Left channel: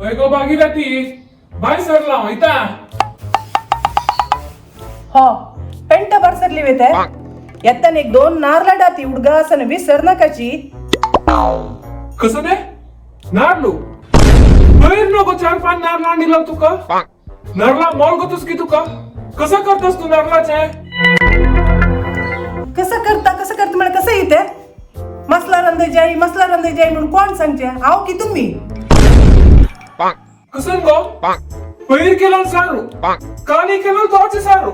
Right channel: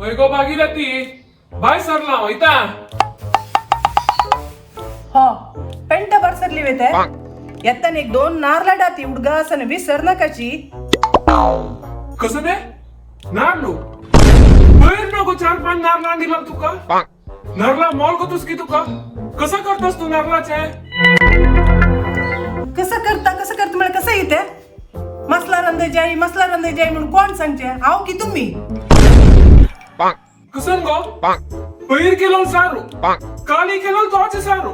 गो Bhagirathi bye सरला वयता हो paint बरसरली वेते येताना एक दोन नारळा डाती हुडगा असं विसर नकाची कसं ते नारलो बैर नको 4-5 नारळा दिला तुका नारळा मोल गतोस की तुका कसं करतोस तू नारळाचे कसं करता मला कसं येते मसला रंदे जाई म्हणून कोण सांगते आहो की तुम्ही कसं गो बैर केलं सारू काली केलं तोचे सारू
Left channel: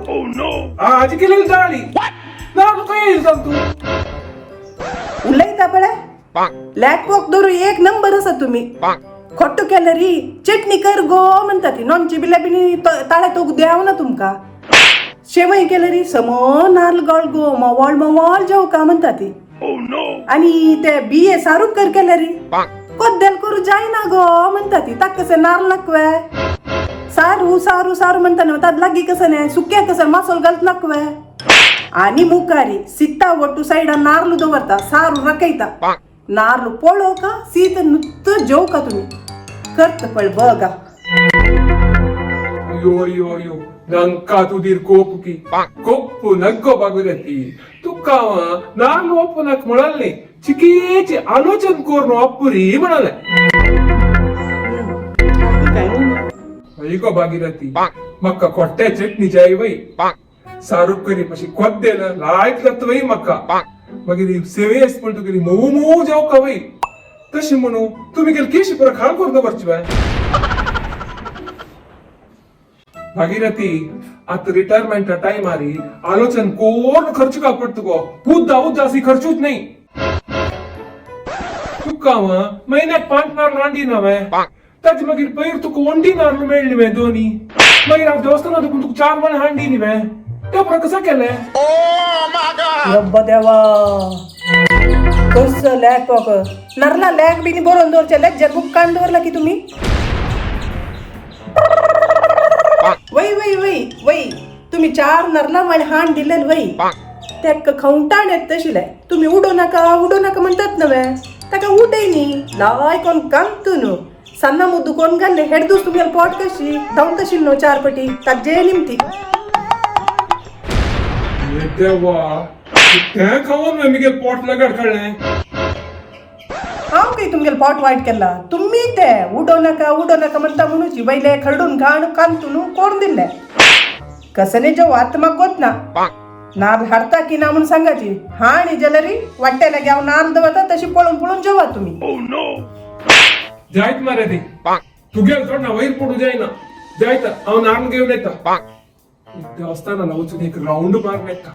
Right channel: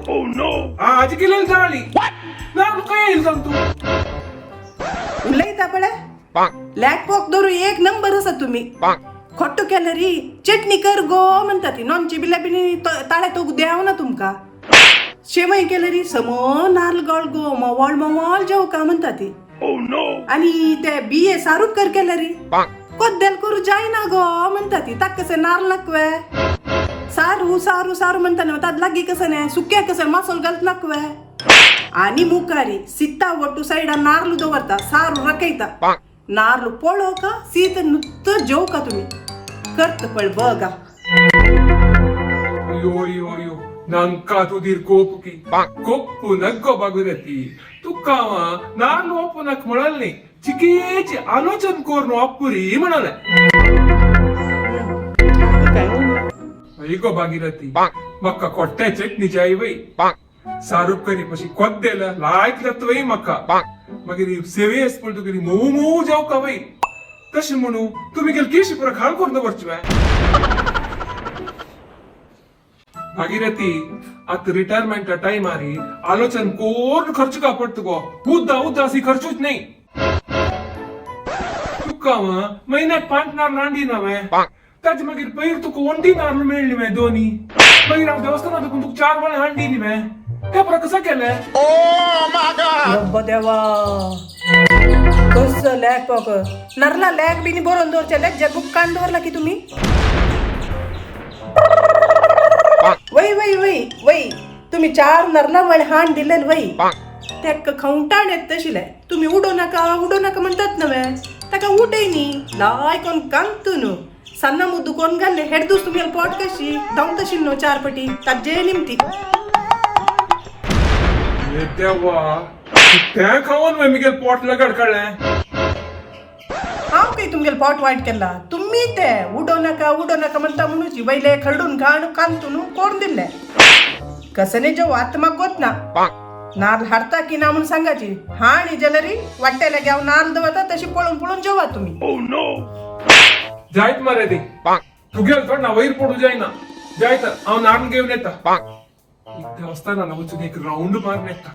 आज केलं जाळी नारळ काय येईल सांग तू उलयता पळे लॅक पॉक दोरू एक नंबर असा तुम्ही खोट्टू केलं री चटणी कर गो म्हणता ती नॉनची बिलाबिनी ताळ्या तो द्याव ना तुमका शेवई केलं री समो नारळ गळ गो मवाळ जेव का म्हणता ती आणि ते बिये सारूक कर केलं री कोद्देल करू जाय ना गो म्हणता ती ताक कसे नारळ नकवे सारू म्हणता ताद लागी कसं नाही सुक्या कसं मासोल घालत नकवे आणि मुकारी सित्ता ಒಟ್ಟು ಸೈಡ್ नारळ दवरता सारू रकैता नारळ पोळो का सीत नुत्त जेव का तुम्ही करत पळ बघा ಅಯ್ಯೋ ನಂಕಾ ತುದಿರ್ ಕೋಪುಕಿ ಕೊಪ್ಪು ನಗ್ಗೋ ಭಾಗೀರಥಿ ತುಕ್ಕಾವ ನಾನು ಒಪ್ಪನಕ್ ಮಾಡಲ್ನಿ ಚಿಕೀಚಿ ಆಲೋಚನ್ ಕೋರ್ನು ಅಪ್ಪುರಿ ಮಾಡಲ್ಲ ಅಯ್ಯೋ ಭಾಗೀರಥಿ ಮಕ್ಕ ಕೊಟ್ಟೆ ಚಟ್ನಿ ಜಾಯಿ ವೈ सारूक करी पशी कोद्देला लायक जात वय मक्का मागीर सेवेस म्हणतो करी मोमो जाव का वय तशें म्हणू तुम्ही गेल केशी पर खाळ करून दवरची बाय भागीरथी आता रिटायरमेंट टाइम आरी आलोचन कोण खर्च का पडतो गो उद्दा अशी खर्चूच नाही तुका महिन्यात 5 नारळ अंडी ना वे ताज मागीर पयर तुका वंडी नारळ मेळली वे दोनी मागीर हांव देवस्थानात तुका 4 वळ अंडी नी वे त्या पर कसं केलं रब्बा देवा कसं लॅक पॉक नरला लॅक बिनी बरोन दोरच्या लॅक जगूक कान दवरला की तुम्ही वय तुम्ही 4 नरला म्हण हाण दिलेल वय त्याक खाऊंटाण येत तशिले तुम्ही उडो नका म्हणतात नव्हे ताका उडय नी लाय कोण कांतू न्हू सन्ना मुद्दू कोण घाल्ले हेडदूस तुम्ही पोट कशी धांवत तशी न्हू 4 पटी ताजे निमती देवा त्या खाऊन मी पोट लगड कळले हांव काही तुमगेल पोट वायट केला तुम्ही ते उडो नका म्हणता म्हणूची वयले खरडून घाण कांतून कोण दिले कसने जेव आत्मा गोत ना नार हाडता की ना म्हणून सांगाची हाणी जलरी वाट्याला घ्याव नार दवता तशी पळून जेवा तुम्ही जायत मारे ती तू गेल थोडा वैर पडू जायना जायत हांव नारण घेऊन येता देवस्थानाला वचून एक राऊंड मारून येता